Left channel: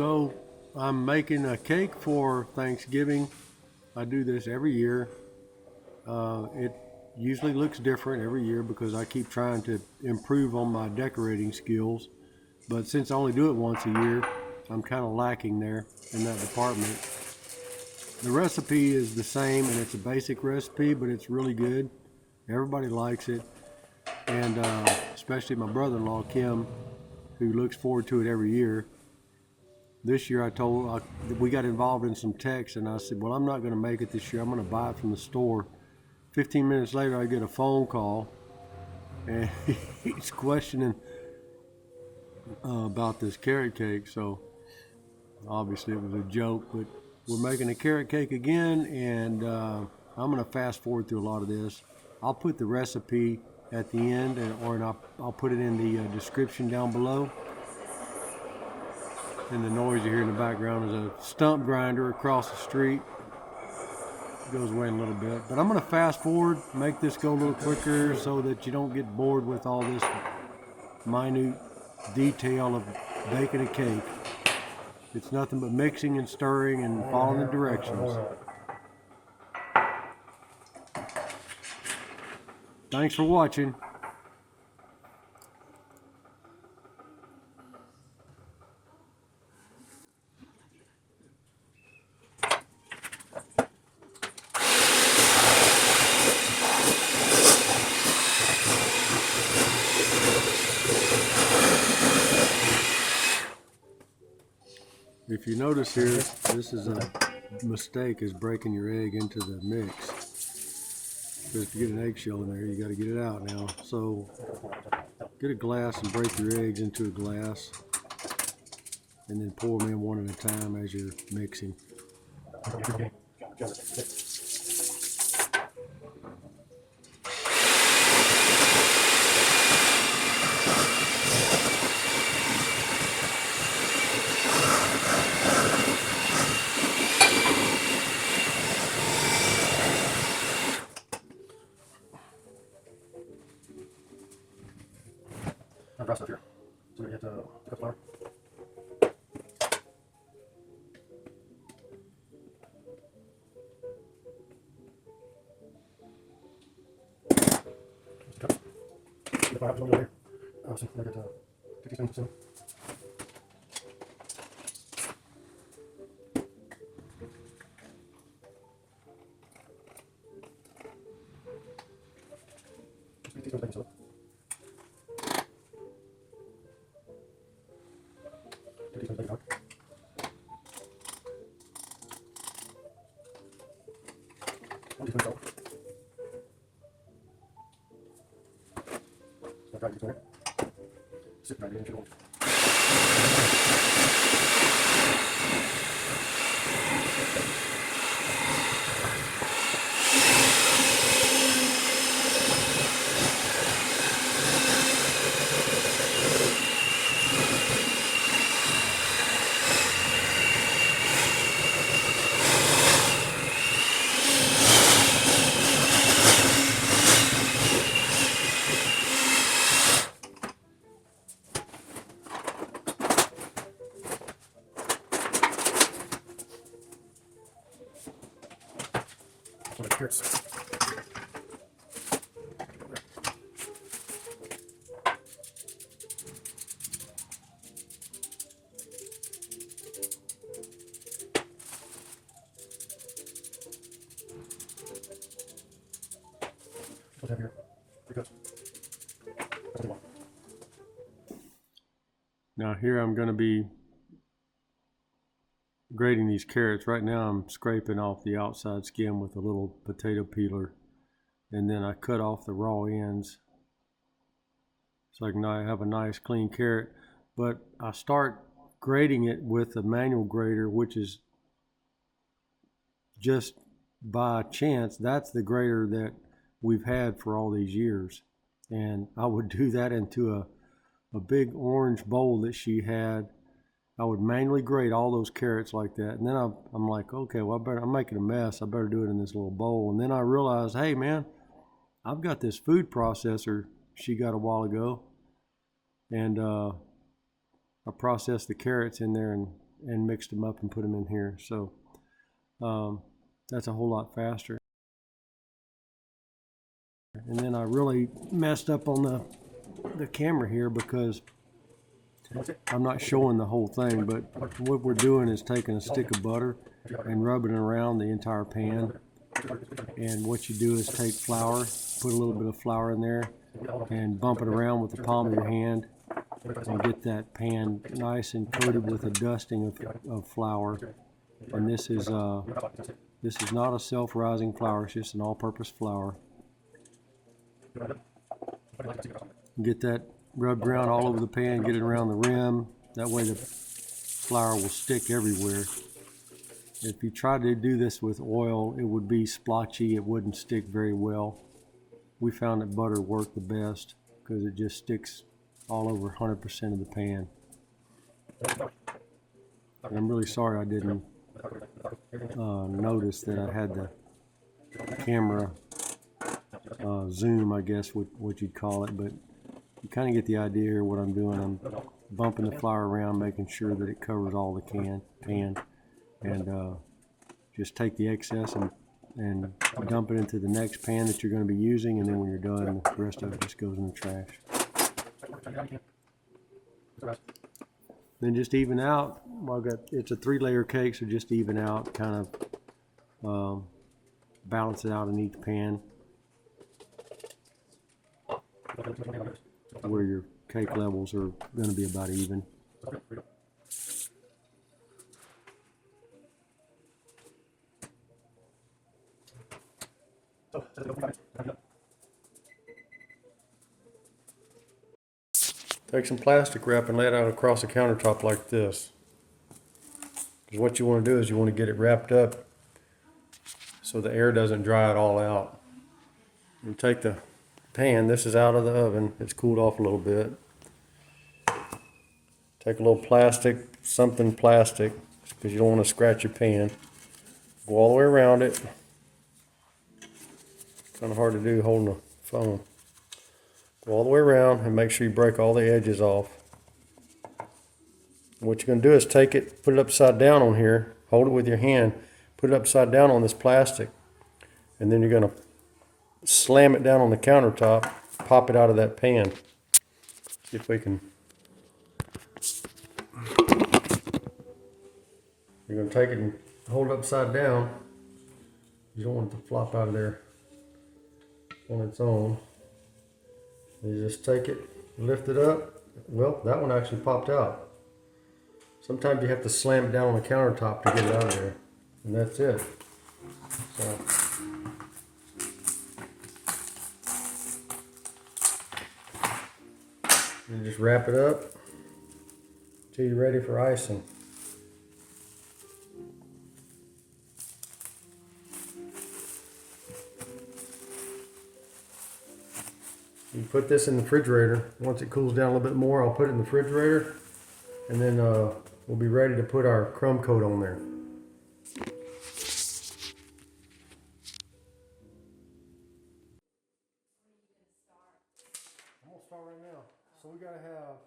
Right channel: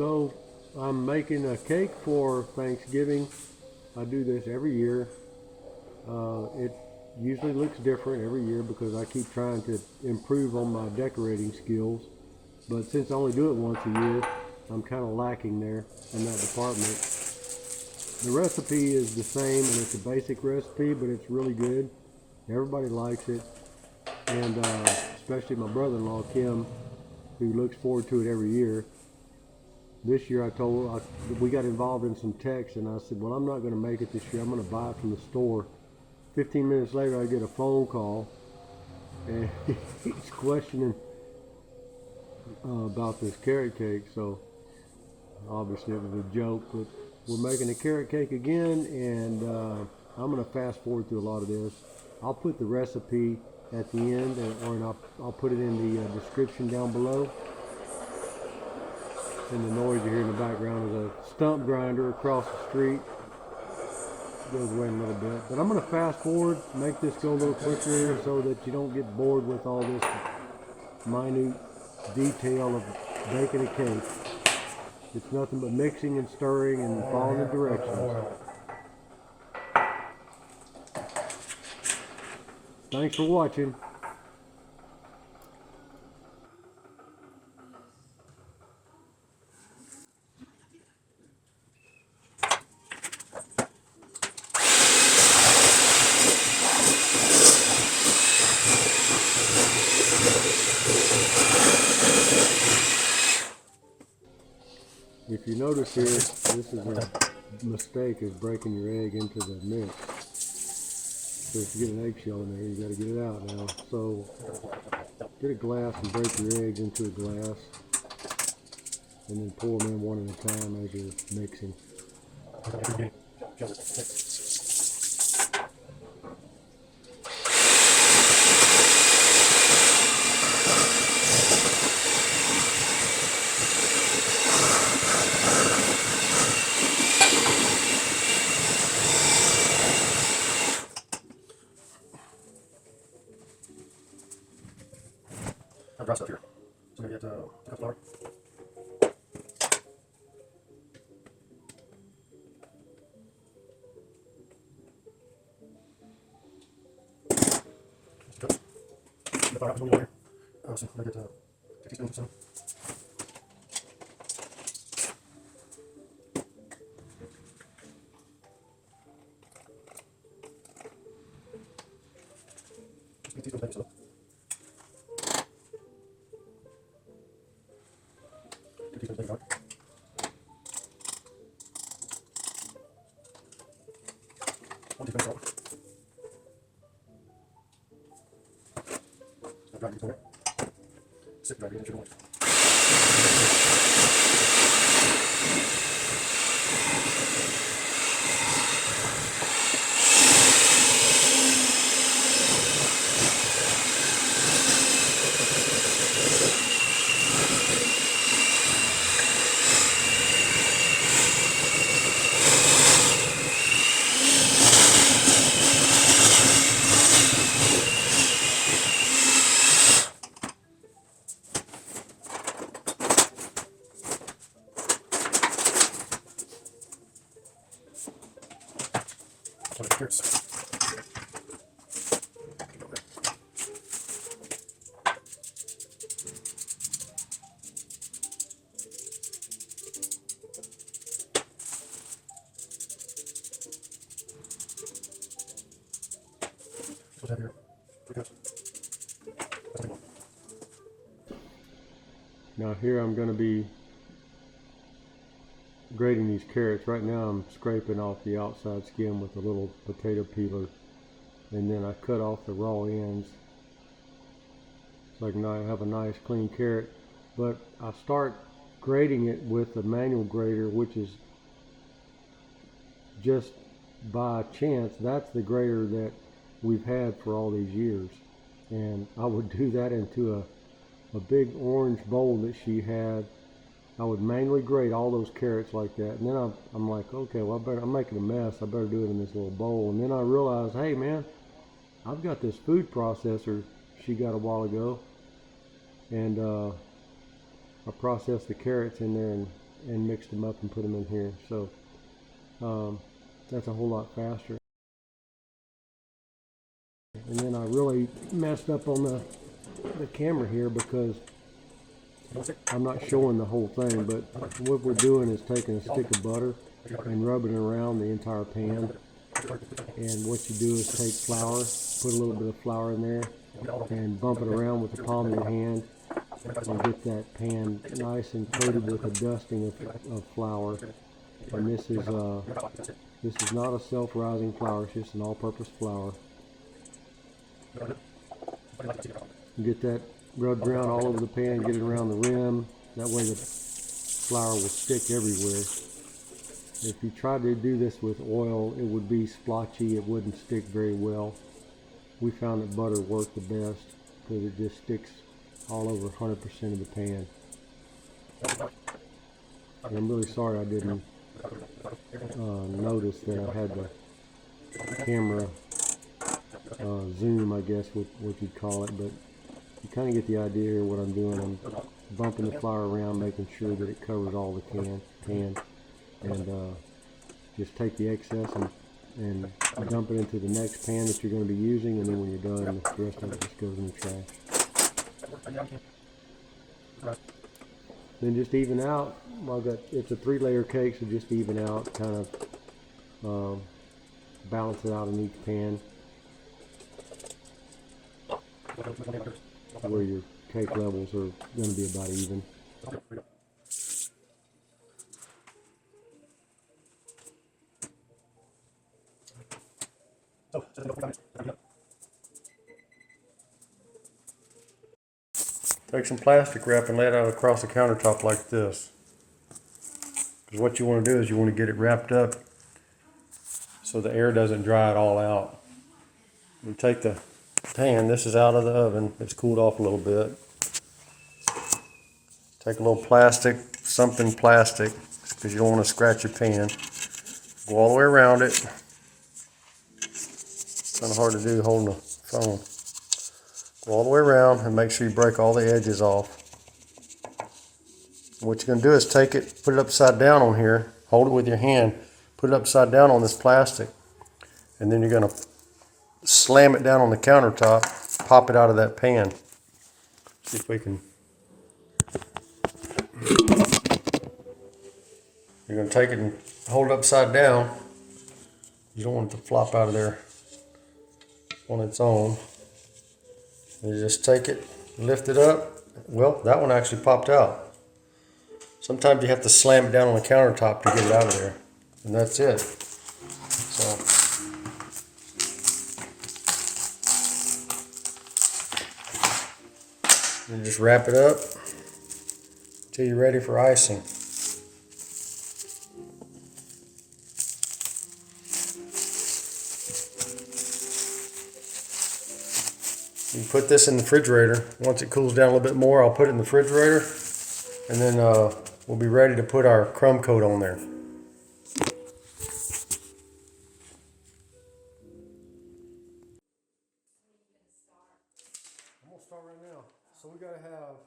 So I'm making a cake for Thanksgiving. I do this every year. It usually looks different every year because I keep trying to improve on my decorating skills. But since I only do it once a year, I'm kind of lacking there in that department. The recipe is the same and it's a basic recipe, but it's really good. Everybody likes it. And especially my brother-in-law, Kim, who looks forward to it every year. This year we got involved in some texts and I said, well, I'm not going to make it this year. I'm going to buy it from the store. 15 minutes later, I get a phone call and he's questioning about this carrot cake. So obviously it was a joke, but we're making a carrot cake again, and I'm going to fast forward through a lot of this. I'll put the recipe at the end, or I'll put it in the description down below. And the noise you hear in the background is a stump grinder across the street. It goes away in a little bit. But I'm going to fast forward, make this go a little quicker so that you don't get bored with all this minute detail of baking a cake. It's nothing but mixing and stirring and following the directions. Thanks for watching. If you notice here, this is a mistake, is breaking your egg into the mix. So if you get an eggshell in there, you got to get it out now. So get a glass and break your eggs into a glass, and then pour them in one at a time as you're mixing. Dry stuff here. So I get a cup of flour. The flour happens over here. So I get 2 teaspoons or so. Just 2 teaspoons of baking soda. 2 teaspoons of baking powder. 1 teaspoon of salt. Dried beef in there. Sip dried beef in sugar. Carrots. What's have here? 3 cups. Let's take 1. Now here I'm going to be grating these carrots. Right now I'm scraping off the outside skin with a little potato peeler, and then I cut off the raw ends so I can have a nice clean carrot. But I start grating it with a manual grater, which is just by chance that's the grater that we've had for all these years. And I would do that into a big orange bowl that she had. I would manually grate all those carrots like that, and then I'm like, okay, well, I'm making a mess. I better do it in this little bowl. And then I realized, hey man, I've got this food processor she got a while ago, and I processed the carrots in there, and and mixed them up and put them in here. So that's a whole lot faster. And then I really messed up on the camera here because I'm not showing the whole thing, but what we're doing is taking a stick of butter and rubbing it around the entire pan. And what you do is take flour, put a little bit of flour in there, and bump it around with the palm of your hand and get that pan nice and coated with a dusting of flour. And this is not a self-rising flour, it's just an all-purpose flour. Get that rubbed around all over the pan, get it around the rim, that way the flour will stick everywhere. If you try to do this with oil, it would be splotchy, it wouldn't stick very well. We found that butter worked the best because it just sticks all over 100% of the pan. And I'm really sorry I didn't notice that I had the camera zoom, I guess what you'd call it, but you kind of get the idea here what I'm doing. I'm bumping the flour around, making sure that it covers all the pan, and just take the excess and dump it into the next pan that you're going to be using, and then when you're done, the rest of it just goes in the trash. Then just even out. Well, it's a 3-layer cake, so just even out, kind of balance it out in each pan where your cake levels are going to be about even. Take some plastic wrap and lay it out across the countertop like this. Because what you want to do is you want to get it wrapped up so the air doesn't dry it all out. You take the pan, this is out of the oven, it's cooled off a little bit. Take a little plastic, something plastic, because you don't want to scratch your pan. Go all the way around it. Kind of hard to do holding the phone. Go all the way around and make sure you break all the edges off. What you're going to do is take it, put it upside down on here, hold it with your hand, put it upside down on this plastic, and then you're going to slam it down on the countertop, pop it out of that pan. See if we can. You're going to take it and hold it upside down. You don't want it to flop out of there on its own. You just take it, lift it up. Well, that one actually popped out. Sometimes you have to slam it down on the countertop to get it out of there. And that's it. So you just wrap it up until you're ready for icing. You put this in the refrigerator. Once it cools down a little bit more, I'll put it in the refrigerator, and then we'll be ready to put our crumb coat on there. I'm gonna start right now. So we gotta have,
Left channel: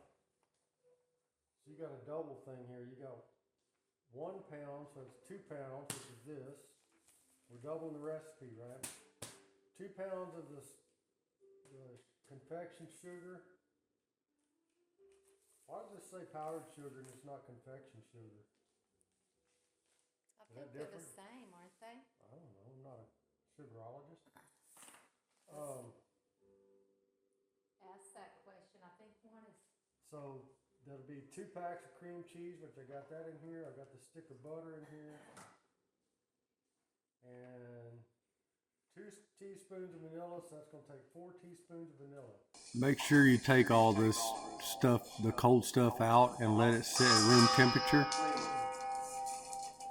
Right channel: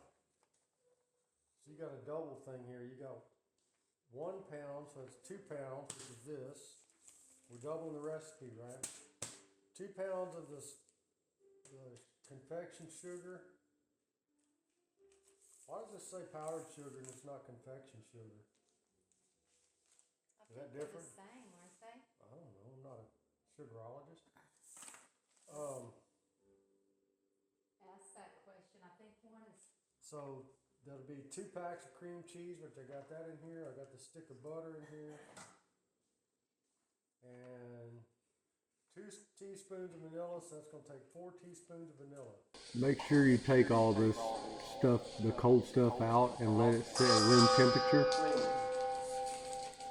so you got a double thing here. You got 1 pound, so it's 2 pounds, which is this. We're doubling the recipe, right? 2 pounds of this confection sugar. Why does this say powdered sugar and it's not confection sugar? Is that different? They're the same, aren't they? I don't know. I'm not a sugarologist. Ask that question. I think one is. So there'll be 2 packs of cream cheese, which I got that in here. I got the stick of butter in here. And 2 teaspoons of vanilla, so that's going to take 4 teaspoons of vanilla. Make sure you take all this stuff, the cold stuff out, and let it sit at room temperature.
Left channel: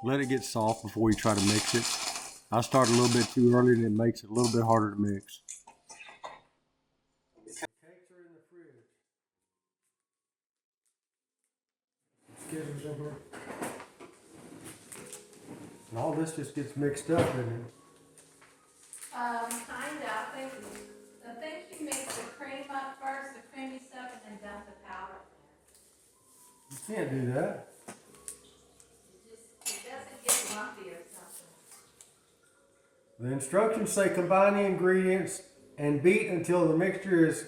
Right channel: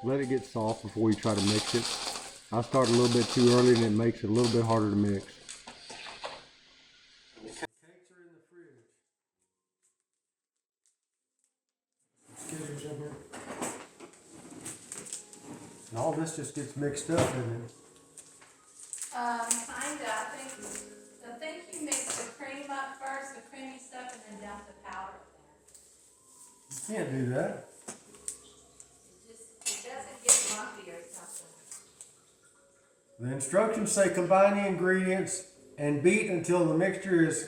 Let it get soft before you try to mix it. I start a little bit too early and it makes it a little bit harder to mix. The cakes are in the fridge. Skittles in here. And all this just gets mixed up in it. Kinda. I think you mix the cream up first, the creamy stuff, and then dump the powder in there. You can't do that. The instructions say combine the ingredients and beat until the mixture is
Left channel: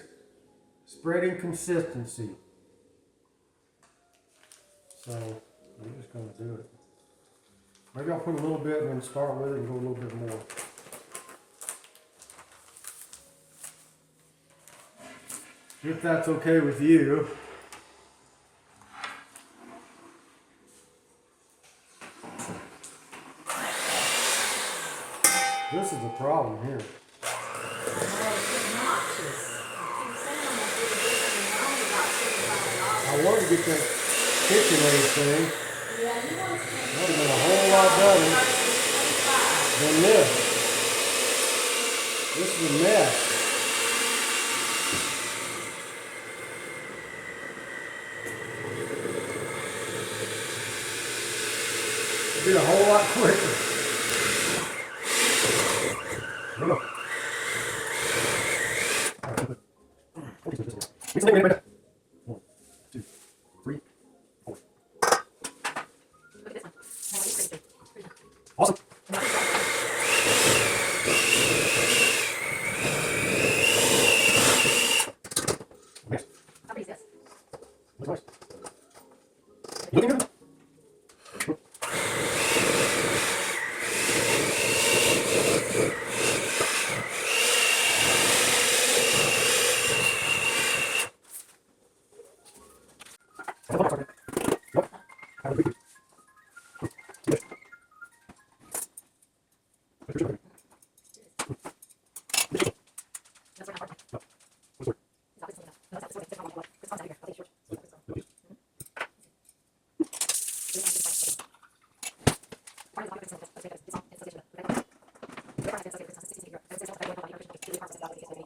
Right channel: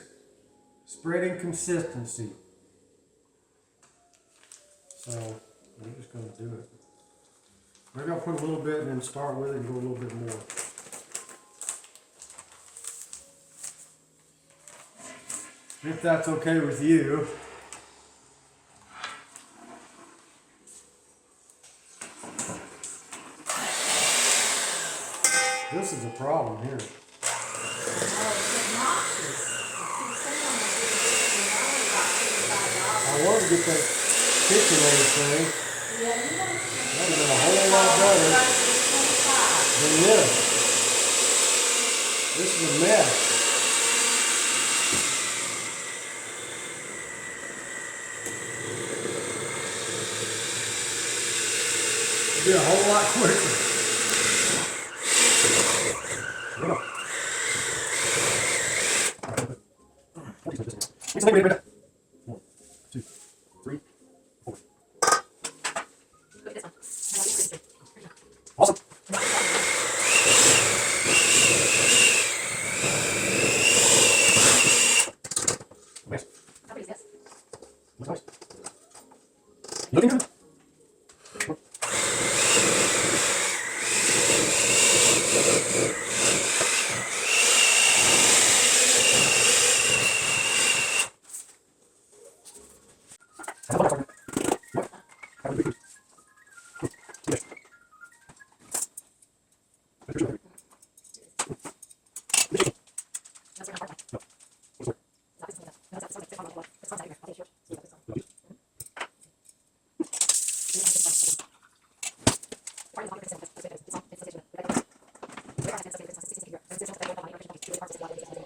spreading consistency. So I'm just going to do it. Maybe I'll put a little bit and then start with it and go a little bit more. If that's okay with you. This is a problem here. I wanted to get that KitchenAid thing. That would have been a whole lot better than this. This is a mess. It'd be a whole lot quicker. Awesome. Nice. Looks nice. Looking good.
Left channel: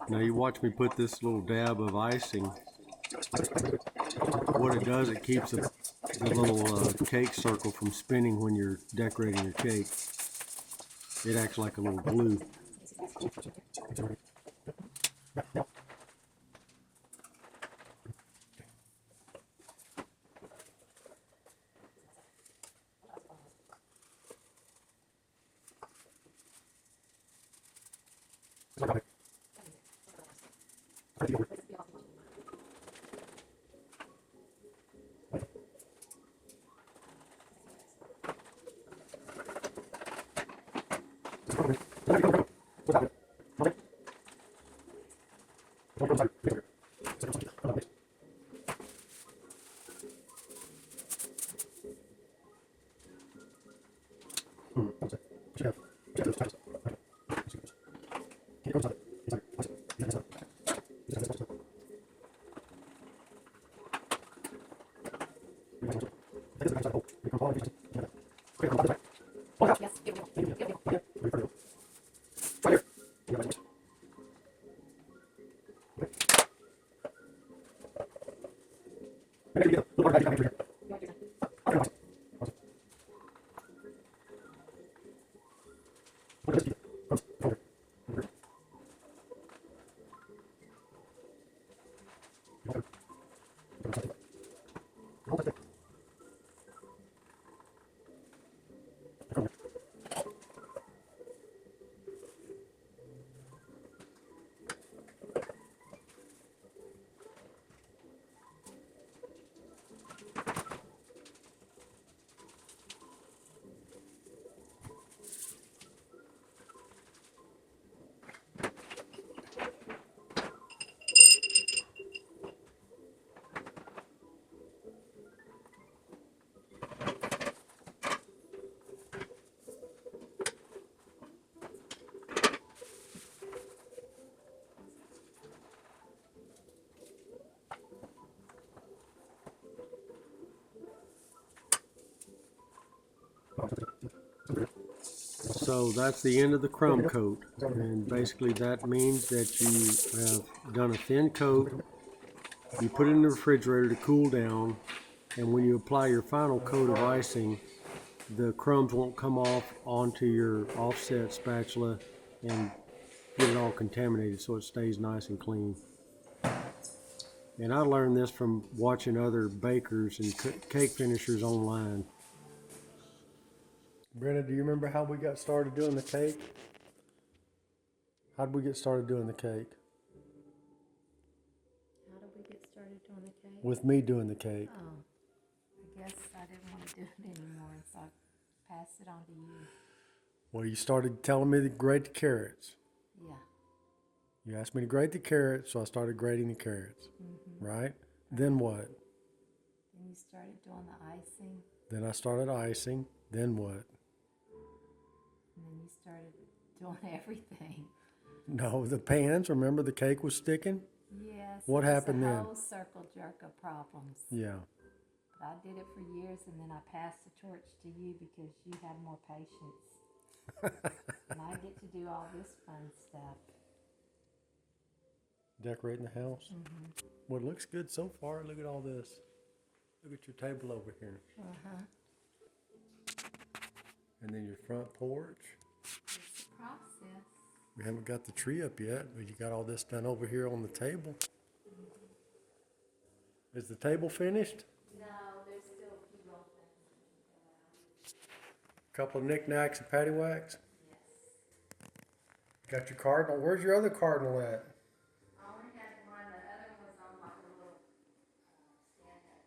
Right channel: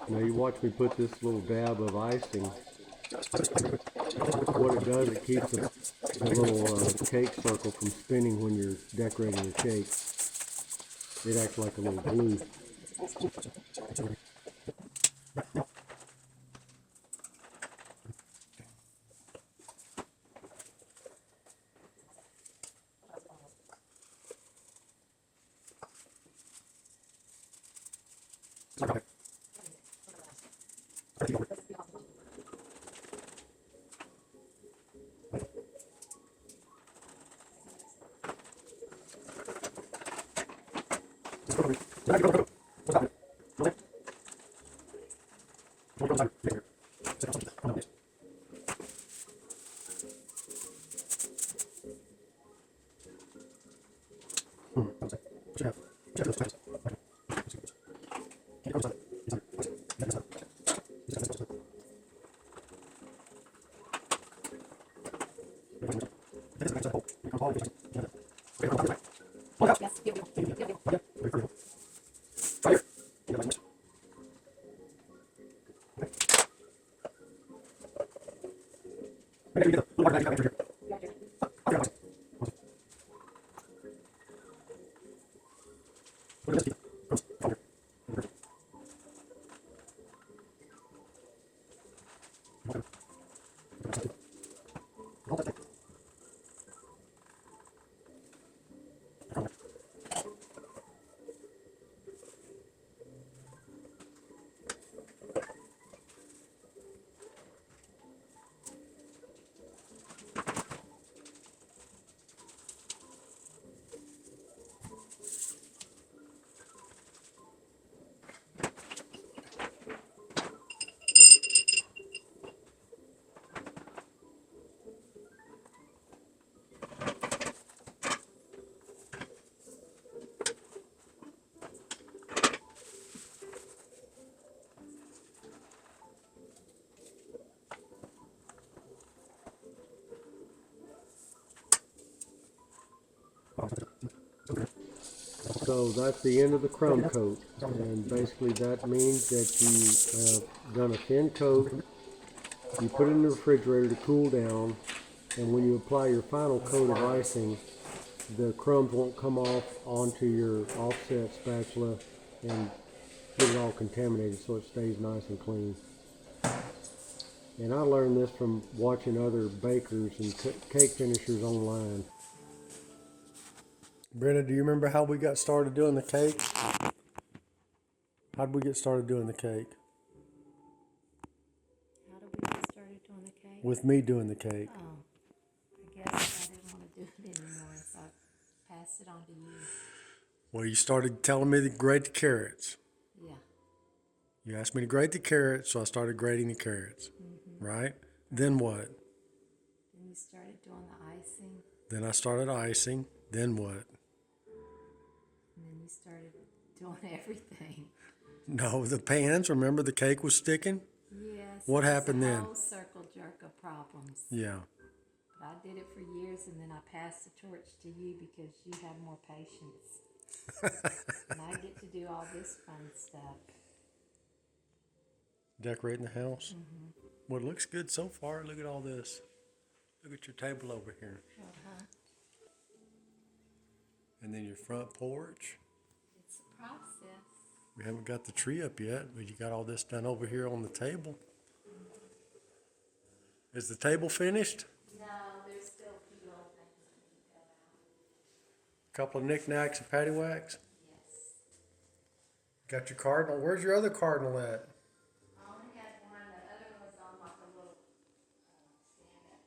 Now you watch me put this little dab of icing. What it does, it keeps the little cake circle from spinning when you're decorating your cake. It acts like a little glue. So that's the end of the crumb coat, and basically that means that you have done a thin coat. You put it in the refrigerator to cool down, and when you apply your final coat of icing, the crumbs won't come off onto your offset spatula and get it all contaminated, so it stays nice and clean. And I learned this from watching other bakers and cake finishers online. Brenda, do you remember how we got started doing the cake? How'd we get started doing the cake? How did we get started doing the cake? With me doing the cake. Oh, I guess I didn't want to do it anymore, so I passed it on to you. Well, you started telling me to grate the carrots. Yeah. You asked me to grate the carrots, so I started grating the carrots. Right? Then what? Then you started doing the icing, Then I started icing. Then what? and then you started doing everything. No, the pans. Remember the cake was sticking? Yes. What it was happened a then? whole circle jerk of problems. Yeah. But I did it for years, and then I passed the torch to you because you have more patience. And I get to do all this fun stuff. Decorating the house. Well, it looks good so far. Look at all this. Look at your table over here. And then your front porch. It's a process. We haven't got the tree up yet, but you got all this done over here on the table. Is the table finished? No, there's still a few little things that need to go out. Couple of knickknacks and paddywhacks. Yes. Got your cardinal. Where's your other cardinal at? I only had one, the other one was on like a little stand-up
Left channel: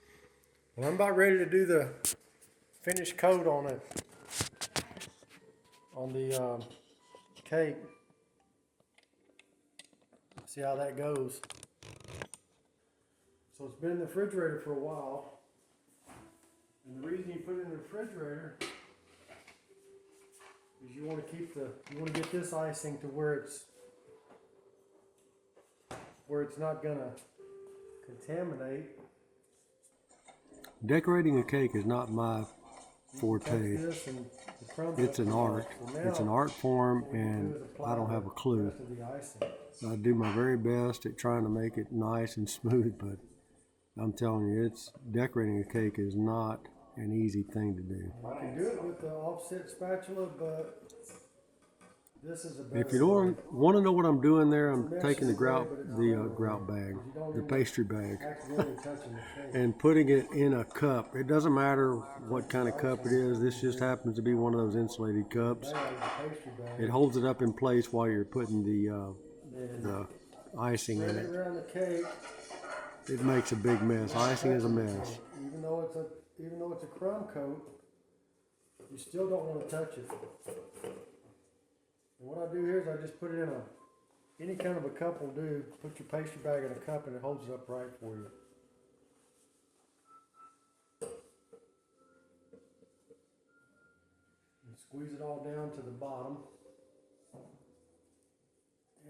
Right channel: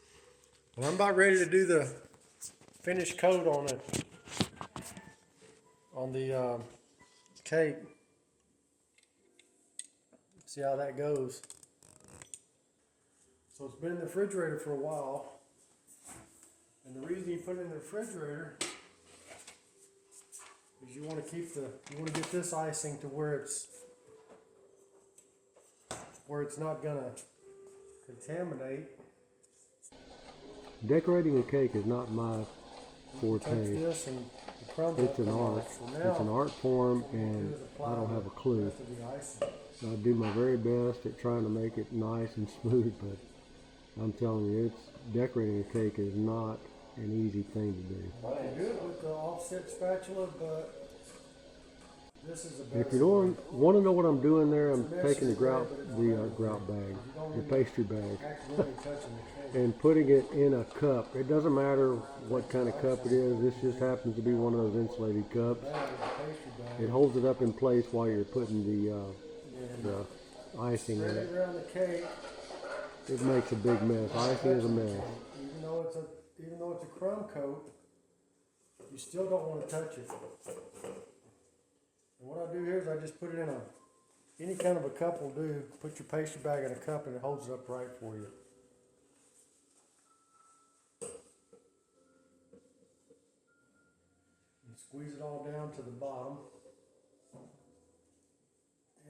thing. Well, I'm about ready to do the finish coat on it. On the cake. See how that goes. So it's been in the refrigerator for a while. And the reason you put it in the refrigerator is you want to get this icing to where it's not gonna contaminate. Decorating a cake is not my forte. It's an art. It's an art form, and I don't have a clue. I do my very best at trying to make it nice and smooth, but I'm telling you, decorating a cake is not an easy thing to do. I can do it with the offset spatula, but this is a better. If you don't want to know what I'm doing there, I'm taking the grout bag, the pastry bag, and putting it in a cup. It doesn't matter what kind of cup it is. This just happens to be one of those insulated cups. It holds it up in place while you're putting the icing in it. Around the cake, it makes a big mess. Icing is a mess. Even though it's a crumb coat, you still don't want to touch it. And what I do here is I just put it in any kind of a cup will do. Put your pastry bag in a cup and it holds it up right for you. And squeeze it all down to the bottom.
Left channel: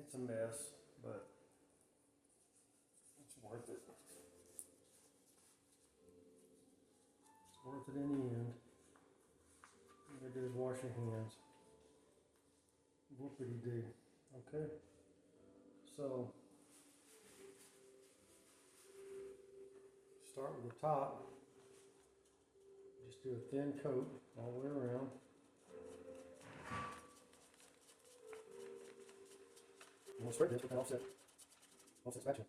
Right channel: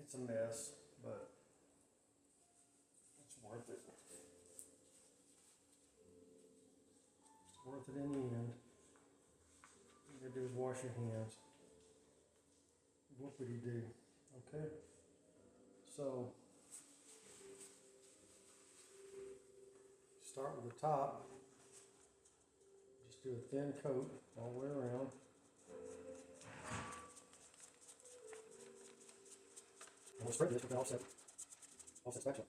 It's a mess, but it's worth it. It's worth it in the end. All you gotta do is wash your hands. Whoopity do. Okay. So start with the top. Just do a thin coat all the way around. And we'll spread this with the offset spatula. Then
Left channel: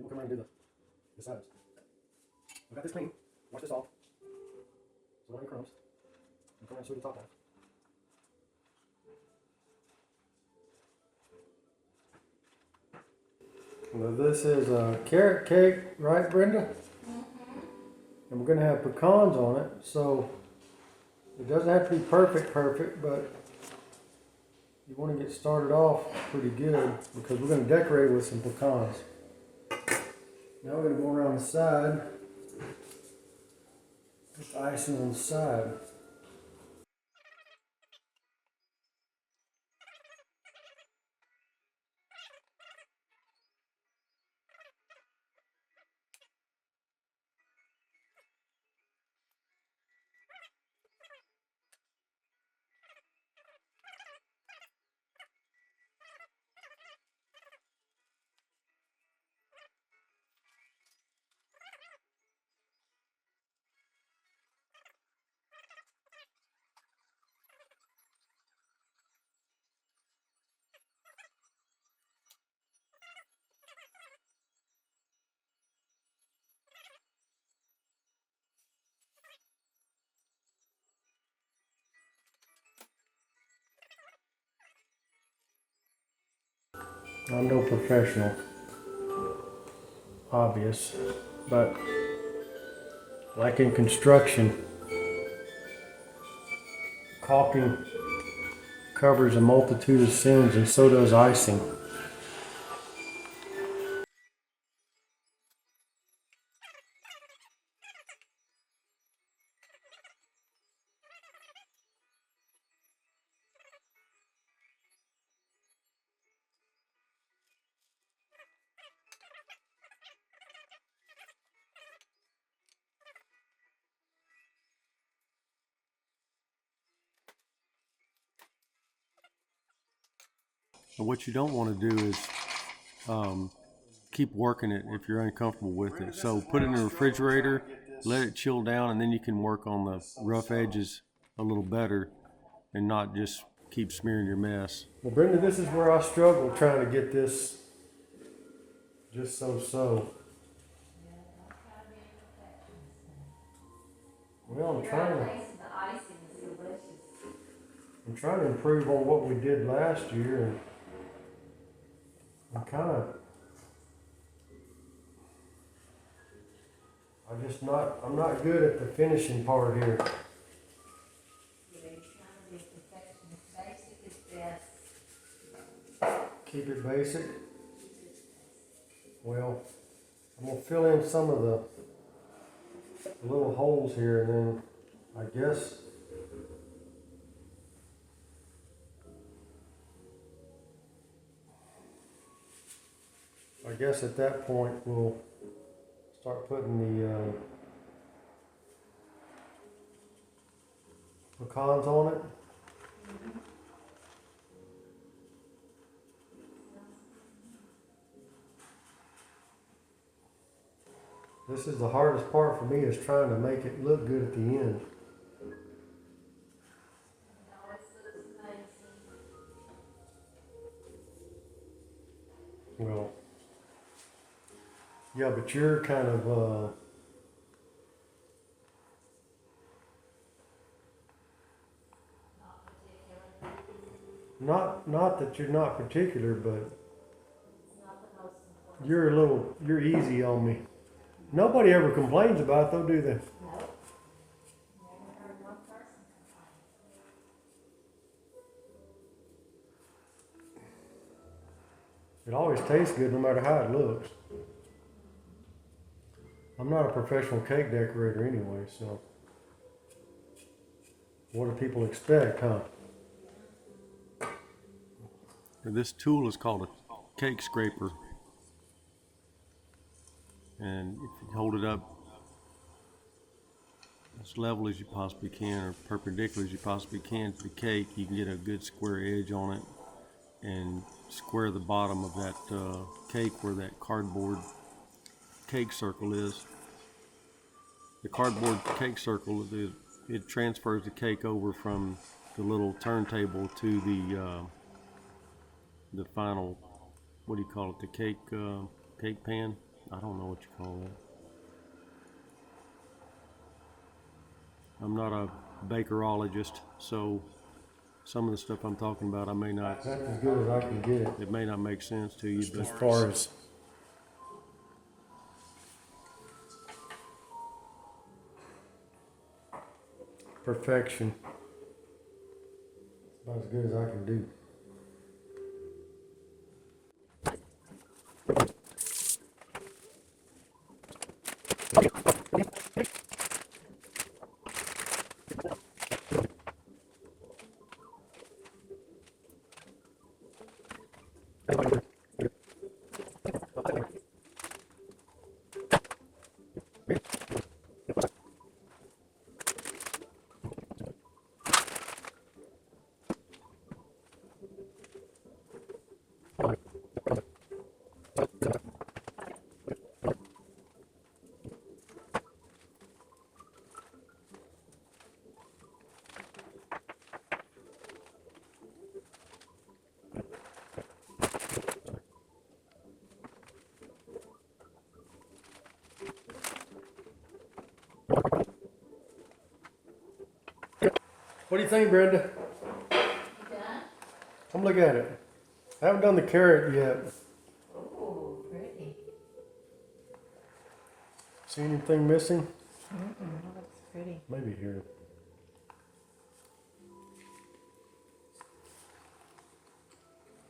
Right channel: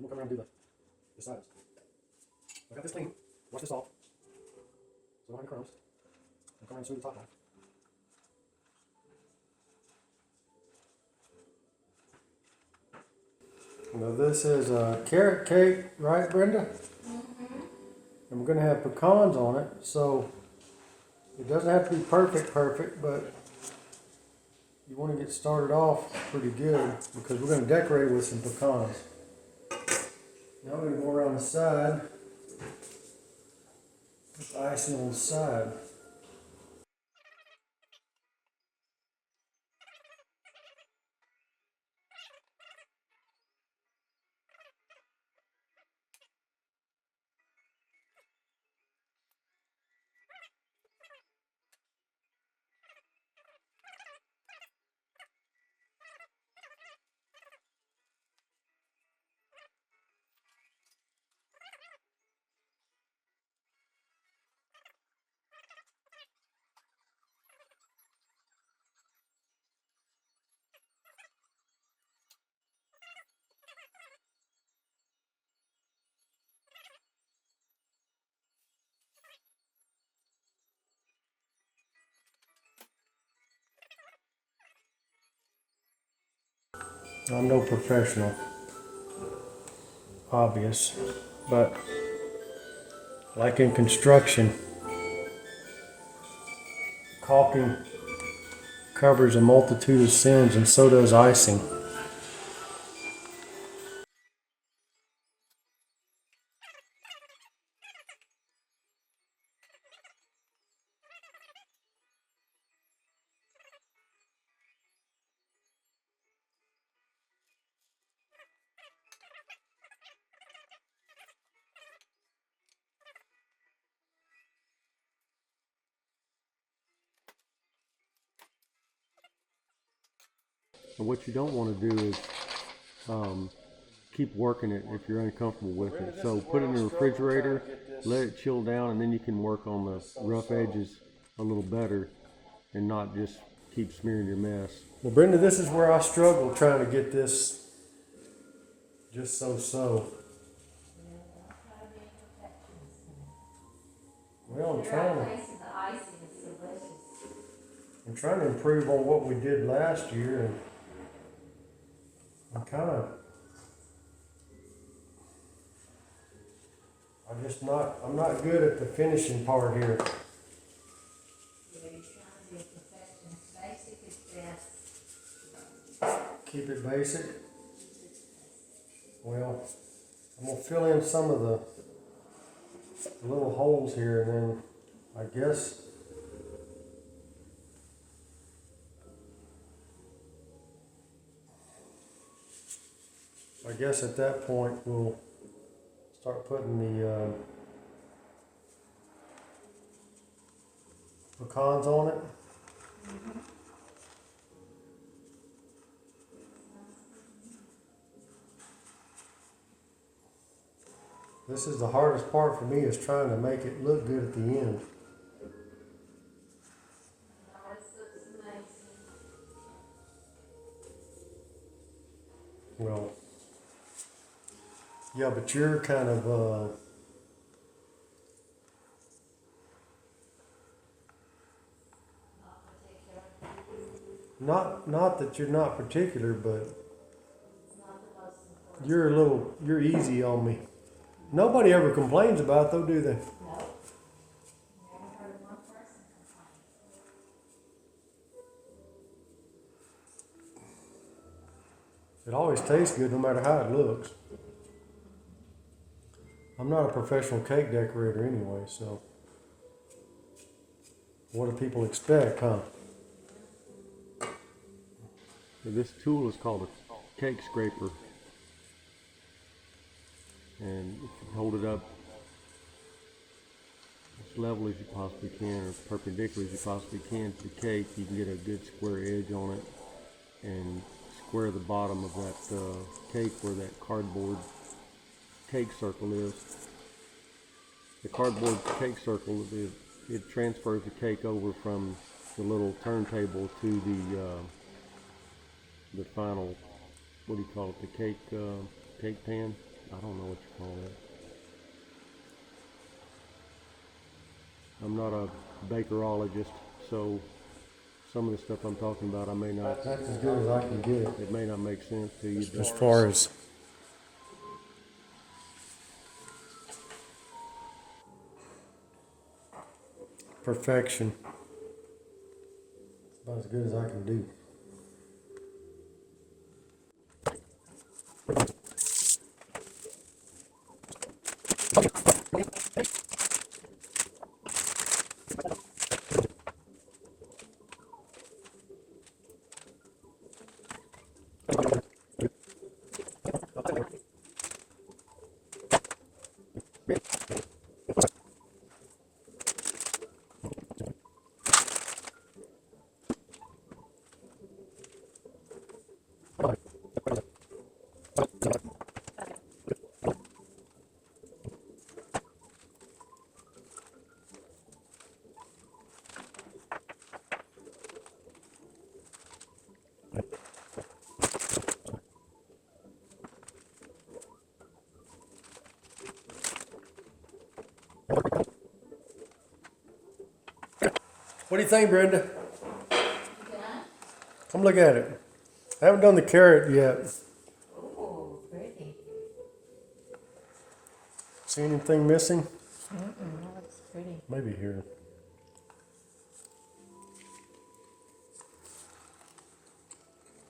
we'll come around and do the sides. I got this clean. Wash this off. So I don't have any crumbs. And come around and smooth the top off. Now this is a carrot cake, right, Brenda? And we're going to have pecans on it, so it doesn't have to be perfect, but you want to get started off pretty good because we're going to decorate it with some pecans. Now we're going to go around the side, put the icing on the side. I'm no professional, obvious, but like in construction, caulking covers a multitude of sins, and so does icing. And what you don't want to do is keep working it if you're uncomfortable with it. So put it in the refrigerator, let it chill down, and then you can work on the rough edges a little better and not just keep smearing your mess. Well, Brenda, this is where I struggle trying to get this just so. Well, You're out tasting the icing, it's delicious. I'm trying to improve on what we did last year, and I'm not good at the finishing part here. You know, you're trying to be a perfectionist. Basic is best. Keep it basic. Well, I'm gonna fill in some of the little holes here, and then I guess at that point we'll start putting the pecans on it. This is the hardest part for me, is trying to make it look good at the end. No, it looks amazing. Well, yeah, but you're kind of not that you're not particular, but It's not the most important. you're easy on me. Nobody ever complains about it though, do they? Nope. Never heard one person complain. It always tastes good no matter how it looks. I'm not a professional cake decorator anyway, so what do people expect, huh? This tool is called a cake scraper. And if you hold it up as level as you possibly can, or perpendicular as you possibly can to the cake, you can get a good square edge on it and square the bottom of that cake where that cardboard cake circle is. The cardboard cake circle, it transfers the cake over from the little turntable to the final, what do you call it, the cake pan? I don't know what you call that. I'm not a bakerologist, so some of the stuff I'm talking about, I may not. That's as good as I can get it. It may not make sense to you, but as far as perfection, it's about as good as I can do. What do you think, Brenda? You done? Come look at it. I haven't done the carrot yet. Oh, pretty. See anything missing? That looks pretty. Maybe here.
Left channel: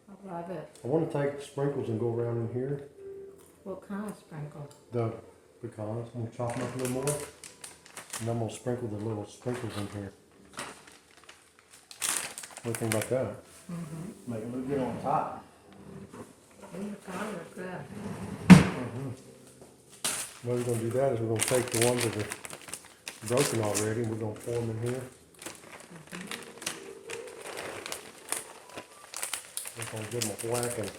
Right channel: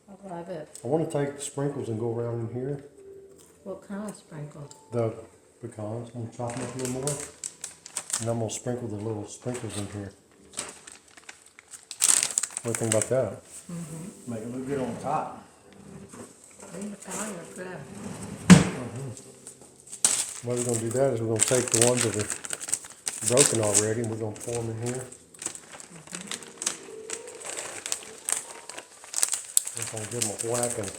I love it. I want to take the sprinkles and go around in here. What kind of sprinkle? The pecans. I'm going to chop them up a little more. And I'm going to sprinkle the little sprinkles in here. What do you think about that? Mm-hmm. Make it look good on top. Look good. What we're going to do that is we're going to take the ones that are broken already and we're going to pour them in here. We're going to give them a whacking.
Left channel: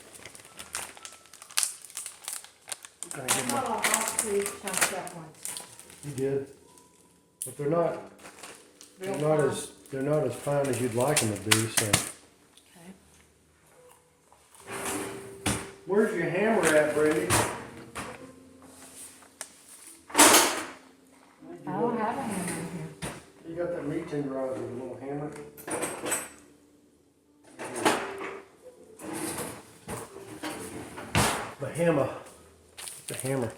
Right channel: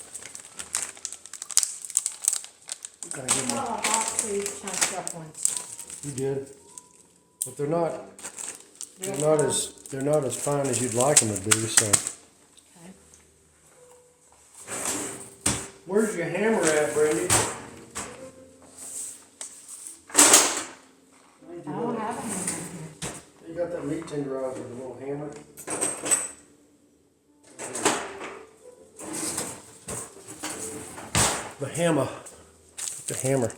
I saw a box where you chopped up once. You did. But they're not Real they're not as fine as you'd like them to be, so. Okay. Where's your hammer at, Brandy? I don't have a hammer in here. You got that meat tenderizer with a little hammer? The hammer. The hammer.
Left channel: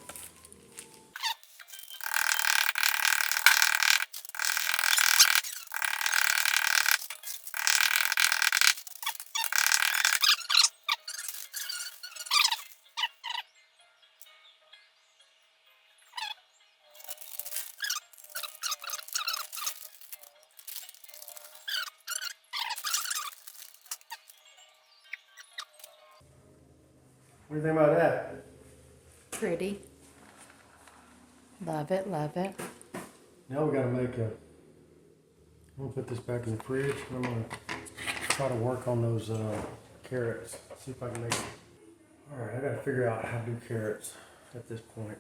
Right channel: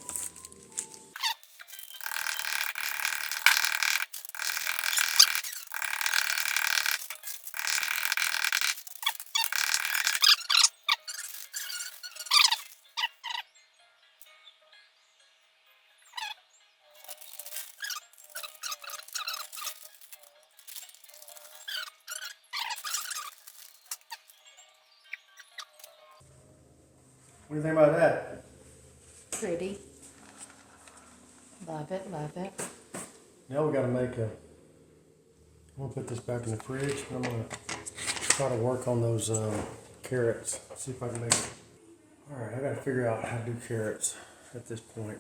What do you think about that? Pretty. Love it, love it. Now we gotta make a. I'm gonna put this back in the fridge and I'm gonna try to work on those carrots. See if I can make it. Alright, I gotta figure out how to do carrots at this point.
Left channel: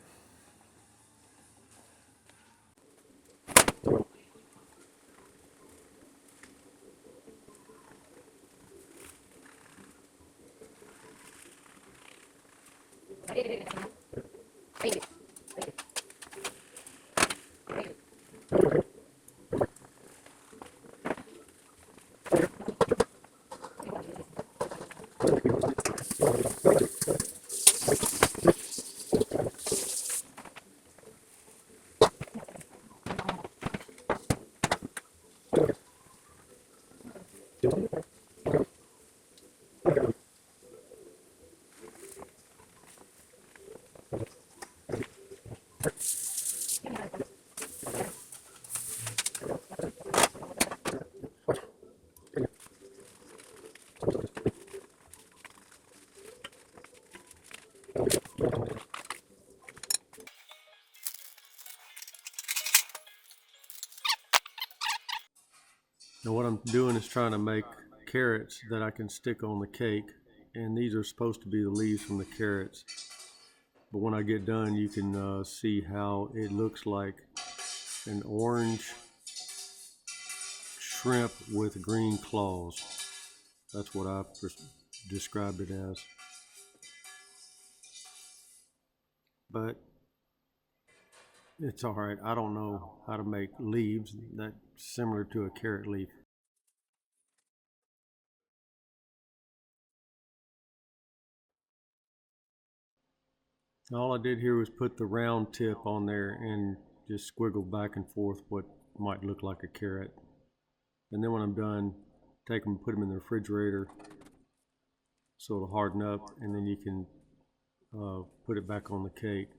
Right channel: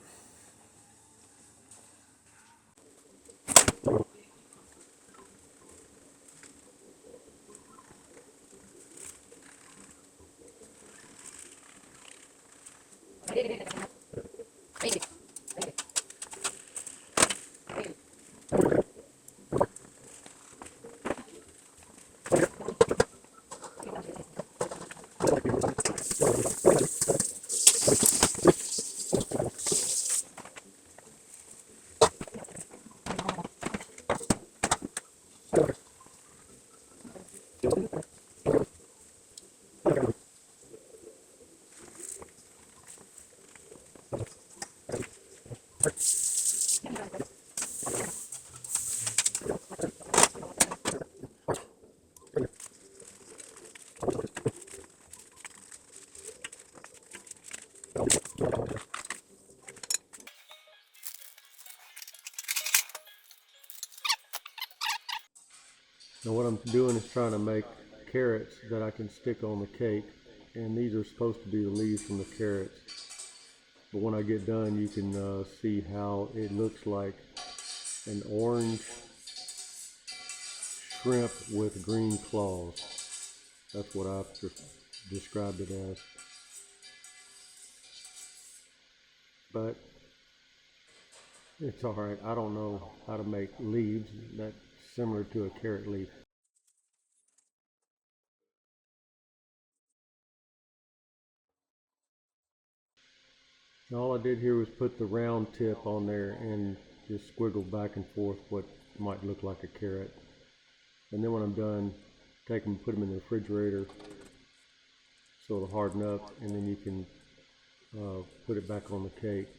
Now what I'm doing is trying to make carrots that I can stick on the cake, and these are supposed to be the leaves from the carrots. But when I get done, you can see how it looks like an orange shrimp with green claws. That's what I've described it as. But it's all right. I don't know how to make leaves that's similar to a carrot leaf. All I did here was put the round tip on there and just squiggle back and forth what might look like a carrot. And then when I'm done, take them and put them in the refrigerator so it'll harden up, and then you can put it back on the cake.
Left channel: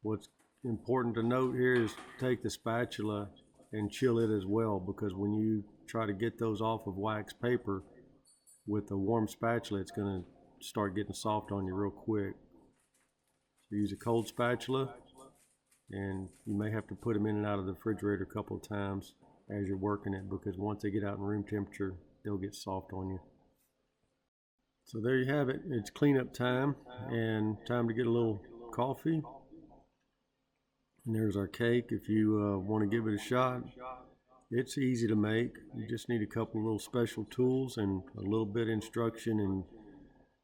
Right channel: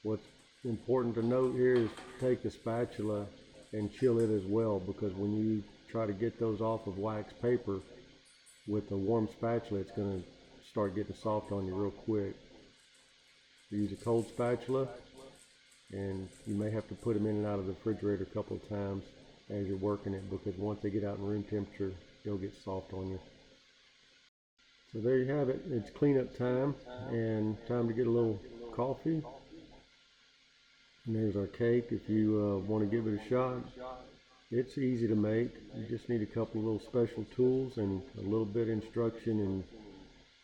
What's important to note here is take the spatula and chill it as well, because when you try to get those off of wax paper with a warm spatula, it's going to start getting soft on you real quick. Use a cold spatula, and you may have to put them in and out of the refrigerator a couple of times as you're working it, because once they get out in room temperature, they'll get soft on you. So there you have it. It's cleanup time and time to get a little coffee. And there's our cake. If you want to give it a shot, it's easy to make. You just need a couple of little special tools and a little bit of instruction, and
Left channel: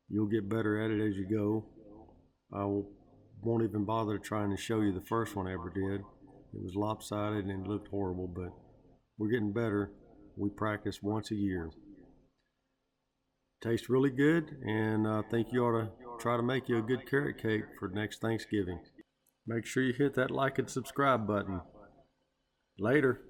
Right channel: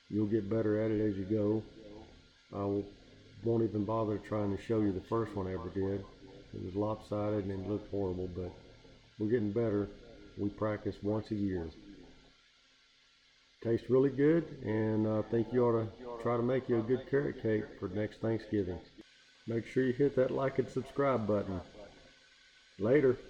you'll get better at it as you go. I won't even bother trying to show you the first one I ever did. It was lopsided and it looked horrible, but we're getting better. We practice once a year. Tastes really good, and I think you ought to try to make you a good carrot cake for next Thanksgiving. Make sure you hit that like and subscribe button. Later.